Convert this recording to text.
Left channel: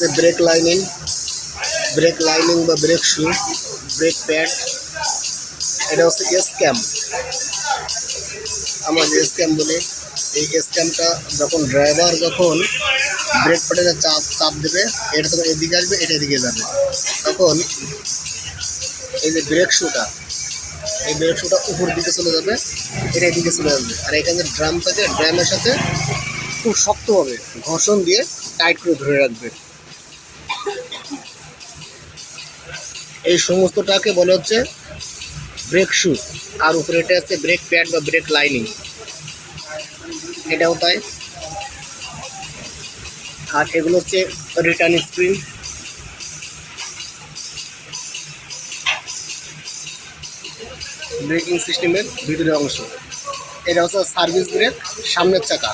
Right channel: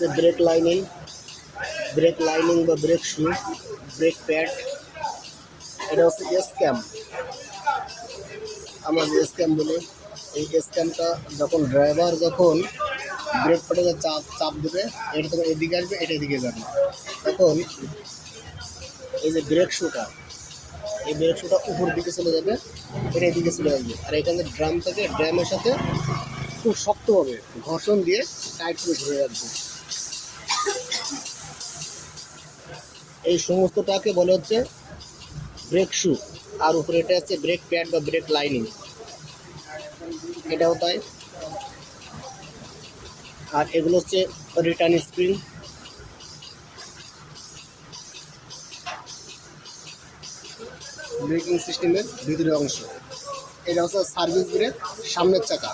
হচ্ছে break lining বা brake shoe, brake pad. এটা হচ্ছে এস ক্যাম, আমরা যে এস ক্যাম বলি। এই এস ক্যামটা যখন ড্রাইভার ব্রেক প্যাডে চাপ চাপ দেবে, এটা তখন এদিকে আসবে, এটা এদিকে যাবে। তখন এই যে ব্রেক শুটা, এই ব্রেক শুটা উপর দিকে চলে যাবে, এটা এদিকে চলে যাবে। আর এখানে ড্রাম থাকে, ড্রামের সাথে খুব শক্তভাবে ঘর্ষণ দিয়ে টাইট করে ধরে রাখবে। এই সমস্তটাকে বলে হচ্ছে ব্রেক শু। আর উপরে এটা হচ্ছে ব্রেক প্যাড বা ব্রেক লাইনিং, এটাও তাই। আর এগুলো হচ্ছে রিটার্ন স্প্রিং। ব্রেকিং সিস্টেমের ভিতরের অংশ। এটা হচ্ছে সার্ভিস ব্রেক, সামনের চাকা।